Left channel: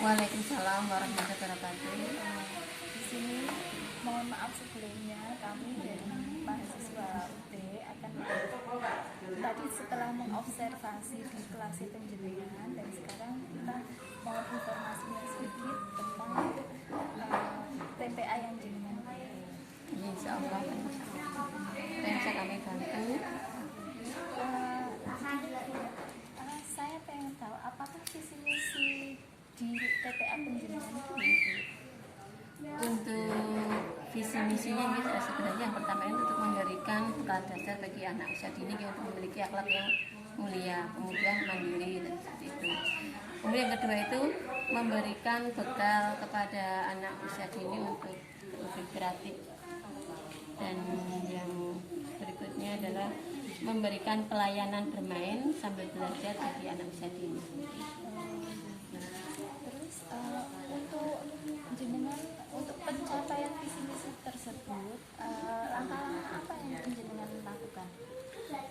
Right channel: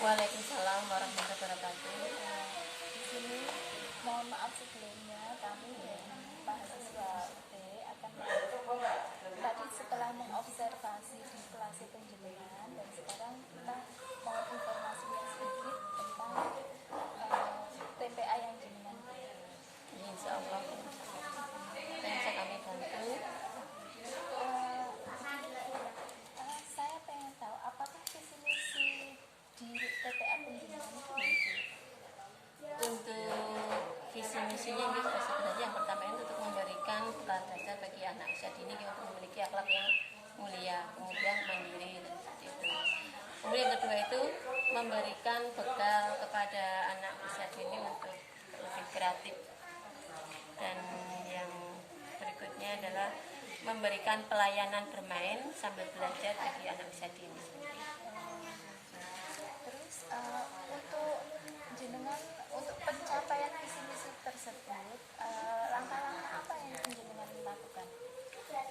Waalaikumsalam warahmatullahi wabarakatuh. Di sini mohon maaf sebelumnya kami mahasiswa UT akan tadi setelah mengobservasi di kelas penjenengan dan sekarang kita mohon informasinya sedikit tentang TPA yang jenengan. Insya Allah bisa kami bantu. Saya pengen tahu apakah visi misi di TPA penjenengan itu? Untuk visi misinya ini sebenarnya yang pertama itu untuk memberikan bekal dasar bagi anak usia dini untuk memiliki akhlak yang mulia, kemudian mandiri dan seperti itu. Kemudian yang kedua itu memberikan bekal kepada anak usia dini untuk lebih kreatif. Dan yang berikutnya adalah memberikan pelayanan bermain sambil belajar bagi anak usia dini. Terus untuk jenengan untuk pencapaian visi misi tersebut langkah-langkah apa yang jenengan lakukan?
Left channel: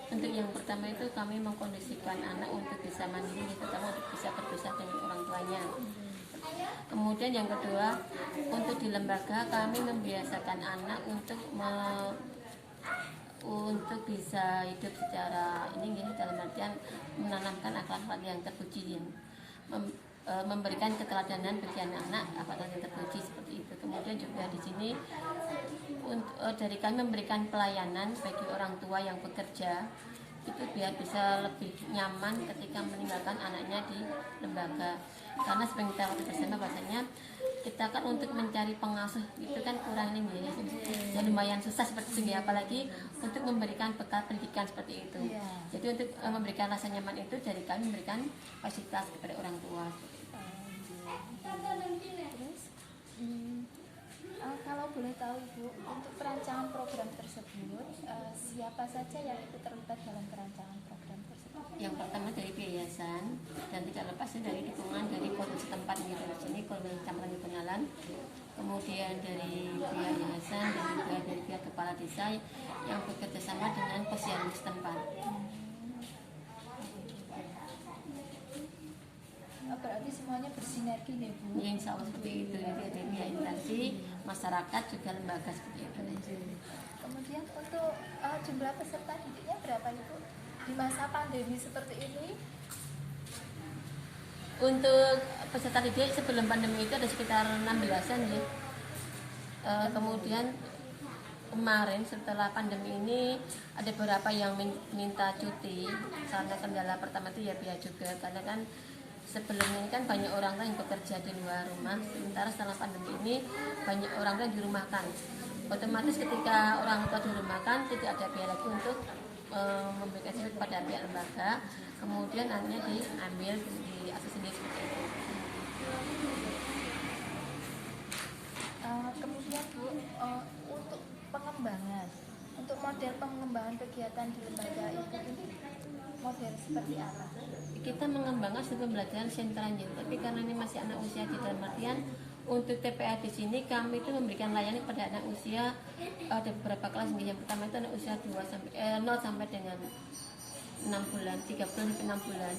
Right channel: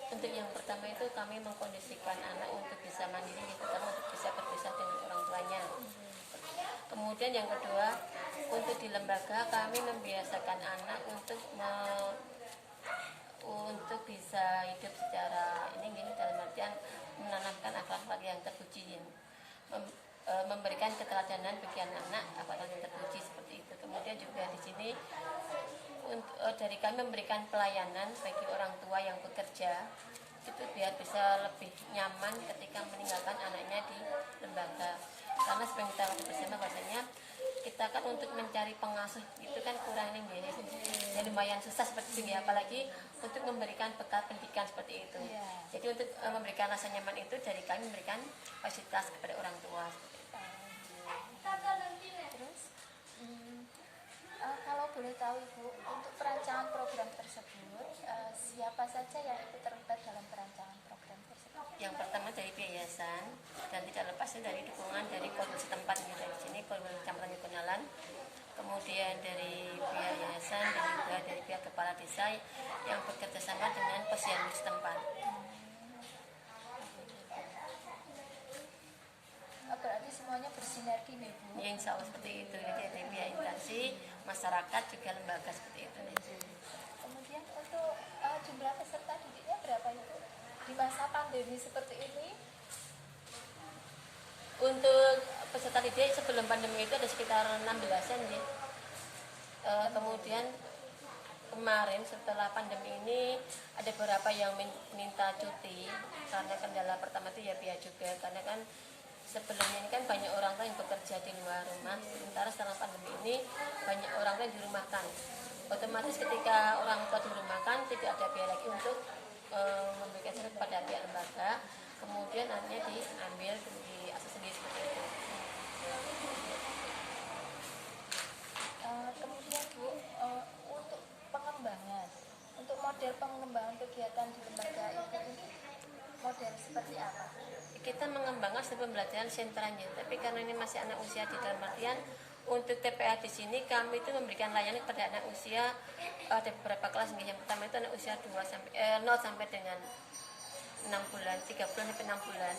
Untuk yang pertama itu kami mengkondisikan anak untuk bisa mandiri, terutama untuk bisa berpisah dengan orang tuanya. Kemudian yang kedua, untuk di lembaga kami membiasakan anak untuk bisa hidup secara dalam artian menanamkan akhlak-akhlak yang terpuji, yang memberikan keteladanan bagi anak-anak akhlak yang terpuji seperti itu. Kemudian juga di sini dari kami memberikan pelayanan bagi orang tua yang bekerja itu biar bisa lebih nyaman ketika meninggalkan anaknya di lembaga, karena seperti kita bersama bahasanya kita kan untuk mencari pengasuh itu kan kurang ini ya lumayan susah seperti itu ya, apalagi untuk memberikan bekal pendidikan seperti itu. Jadi untuk memberikan rasa nyaman itu dari kami memberikan fasilitas kepada orang tua seperti itu. Terus kalau boleh tahu Ibu, untuk perancangan program tersebut siapa saja yang terlibat dalam perancangan program tersebut? Yang pertama dari yayasan dan tidak lepas dari dukungan dari korban setempat di sini, korban campuran kenalan. Kemudian dari pihak yayasan dan juga dari pihak kepala desa yang bekerja sama dengan posyandu setempat. Berarti semuanya bersinergi nih Bu? Ya, insya Allah seperti itu. Jadi ada pihak instansi, masyarakat juga lembaga seperti itu. Kemudian untuk jumlah peserta didiknya berapa Ibu di masa pandemi seperti ini? Untuk peserta didik sebelum pandemi itu ada sekitar 16-an ya. Kemudian kemarin setelah pandemi ini ada beberapa yang minta cuti karena kendala pertama itu ya biaya juga, karena kan sebelumnya ini kan banyak orang yang bekerja di luar rumah, sementara setelah pandemi ini banyak orang yang dirumahkan. Otomatis ketika orang tua dirumahkan tidak ada biaya lagi untuk memberikan surat pada pihak lembaga, kemudian anaknya diambil di akses sendiri seperti itu. Kemudian Bu, untuk pengembangan, untuk model pengembangan kegiatan di lembaga Ibu ini model seperti apa? Kita mengembangkan sistem pembelajaran sentralnya, tapi karena ini masih anak usia di dalam artian untuk TPA di sini kami itu memberikan layanan pada anak usia ada beberapa kelas nih. Yang pertama itu anak usia 0 sampai dengan 6 bulan, 3 bulan sampai 6 bulan.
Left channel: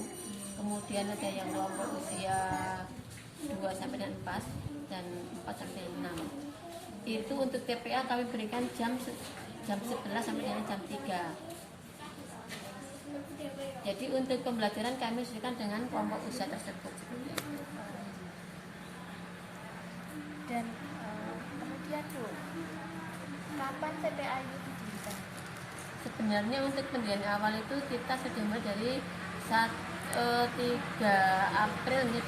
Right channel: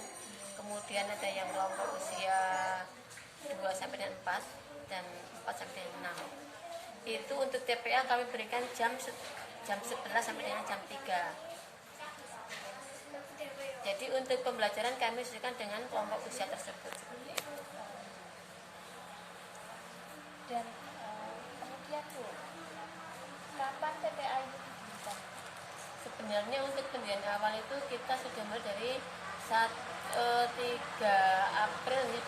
Kemudian ada yang kelompok usia 2 sampai dengan 4 dan 4 sampai dengan 6. Itu untuk TPA kami berikan jam 11 sampai dengan jam 3. Jadi untuk pembelajaran kami sesuaikan dengan kelompok usia tersebut. Dan kemudian Bu, kapan TPA ini didirikan? Sebenarnya untuk pendirian awal itu kita sudah mulai dari 3 April 2007.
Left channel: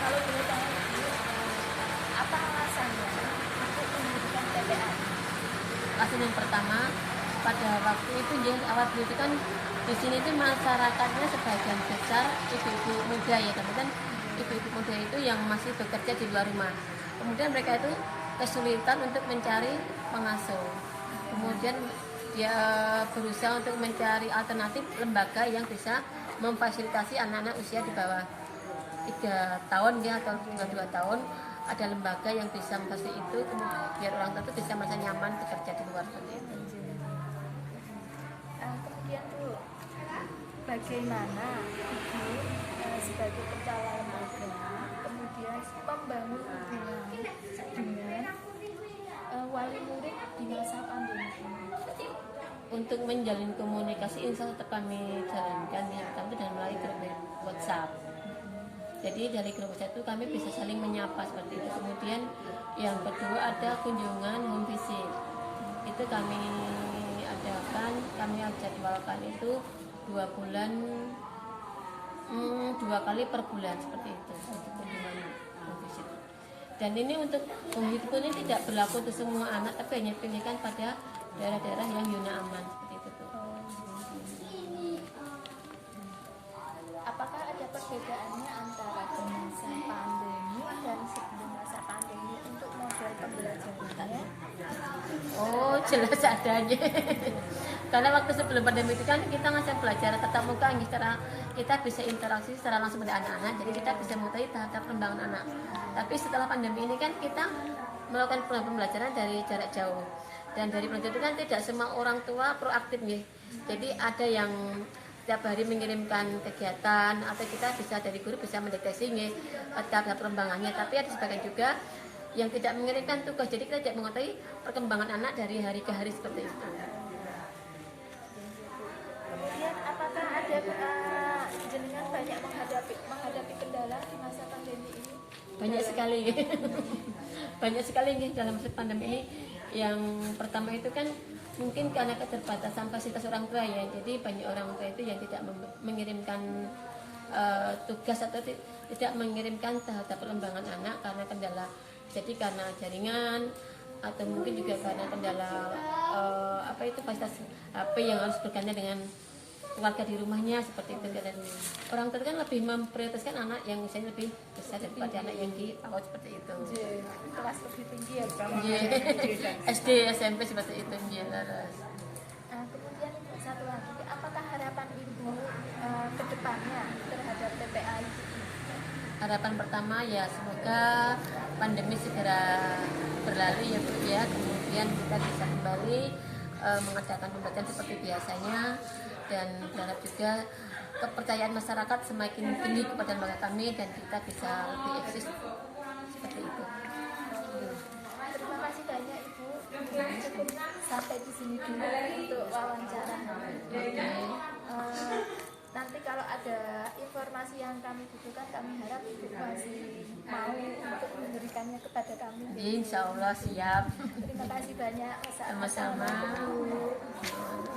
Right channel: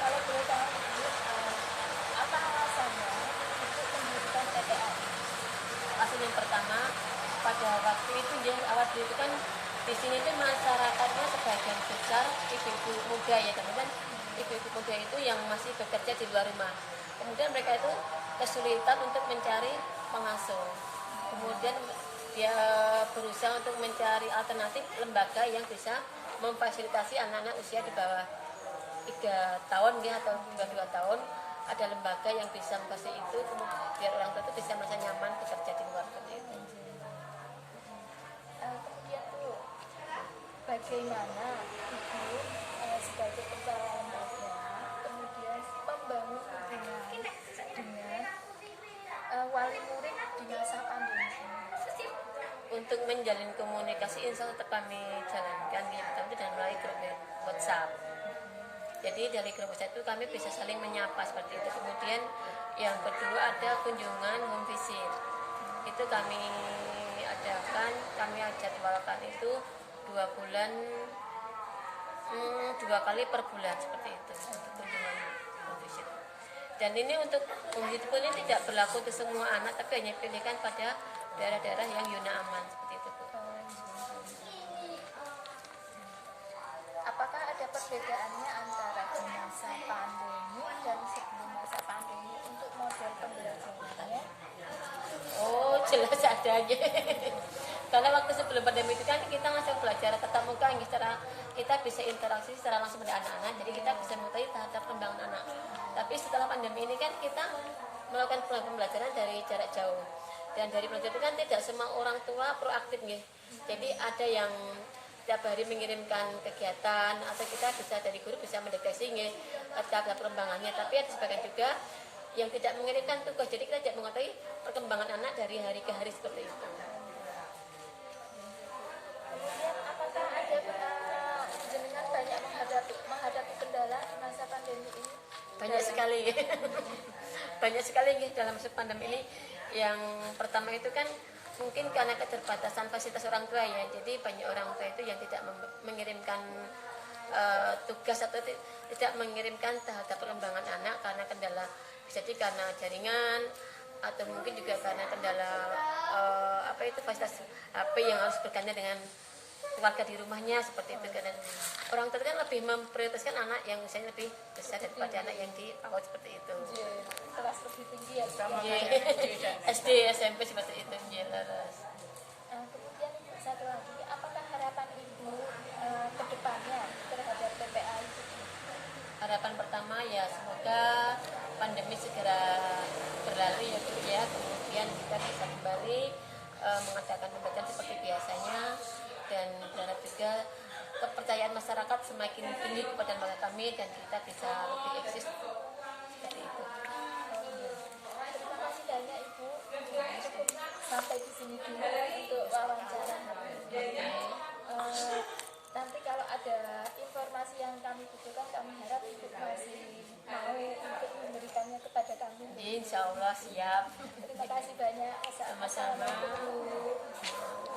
Kalau boleh tahu Bu, apa alasannya untuk mendirikan TPA? Alasan yang pertama, pada waktu itu awal dulu itu kan di sini itu masyarakatnya sebagian besar ibu-ibu muda ya, teman-teman. Ibu-ibu muda itu yang masih bekerja di luar rumah. Kemudian mereka itu kesulitan untuk mencari pengasuh. Kemudian dia berusaha untuk mencari alternatif lembaga yang bisa memfasilitasi anak-anak usia di bawah 3 tahun ya, atau 2 tahun. Ada lembaga yang bisa memfasilitasi itu, kemudian biar orang tua itu bisa merasa nyaman bekerja di luar seperti itu. Kemudian Bu, bagaimana Ibu sebagai kepala lembaga kemudian membangun hubungan dengan wali murid di masa pandemi ini? Untuk menjalin komunikasi insya Allah tetap kami jalankan di pertama dan melalui grup WhatsApp. Jadi dari grup WhatsApp itu kami bisa saling menyapa seperti itu. Kemudian yang kedua ada kunjungan home visit. Itu kami adakan, kami jadwalkan itu 2 bulan, 2 kali per bulan seperti itu untuk kunjungan home visit. Dan ini untuk home visit ini tidak berlaku untuk semua anak, tapi hanya dipilihkan pada daerah-daerah yang zona aman seperti itu, Bu. Apakah ada perbedaannya antara di masa pandemi dan sebelum masa pandemi untuk model pembelajarannya? Oh, jelas adanya. Karena waktu sebelum pandemi itu kan kita ngasih belajar tatap muka, secara kita bisa interaksi secara langsung dengan anak-anak, jadi kita bisa mengetahui tahap perkembangan anak. Tapi setelah pandemi ini kan kita melakukan pembelajaran dari jarak jauh. Dan dari pelajaran itu kan tidak semua orang tua proaktif nih. Jadi ada yang setiap hari mengirimkan kegiatan atau kita bisa dari guru bisa mendeteksi nih tahap perkembangannya. Tapi ada sebagian juga yang tidak mengirimkan tugas. Jadi kita tidak mengetahui perkembangan anak dari hari ke hari seperti itu. Kemudian apakah ada jenengan banyak menghadapi kendala di masa pandemi ini? Banyak sekali. Banyak sekali nih dalam masa pandemi ini. Yang pertama itu kan mungkin karena keterbatasan fasilitas orang tua ya, jadi banyak orang tua itu yang tidak mengirimkan tugas atau tidak mengirimkan tahap perkembangan anak karena kendala, jadi karena jaringan atau mungkin juga karena kendala fasilitas HP yang harus bergantian dengan keluarga di rumahnya seperti itu. Dan orang tua kan lebih memprioritaskan anak yang misalnya lebih besar daripada anak yang di PAUD seperti itu. Kelas lebih tinggi ya. SD, SMP seperti itu. Kemudian satu lagi, apakah harapan Ibu ke depannya terhadap PPA itu? Harapan pertama ya semoga pandemi segera berlalu ya Bu ya. Kemudian kita bisa kembali mengadakan pembelajaran seperti biasanya, dan berharap juga kepercayaan masyarakat semakin tinggi kepada lembaga kami dan kita bisa lebih eksis seperti itu. Terima kasih banyak Ibu. Cukup sampai di sini dulu untuk wawancara hari ini. Nanti kalau ada informasi yang kami butuhkan, kami harap Ibu masih mau untuk memberikannya kepada kami. Insya Allah siap. Terima kasih banyak. Sama-sama. Assalamualaikum.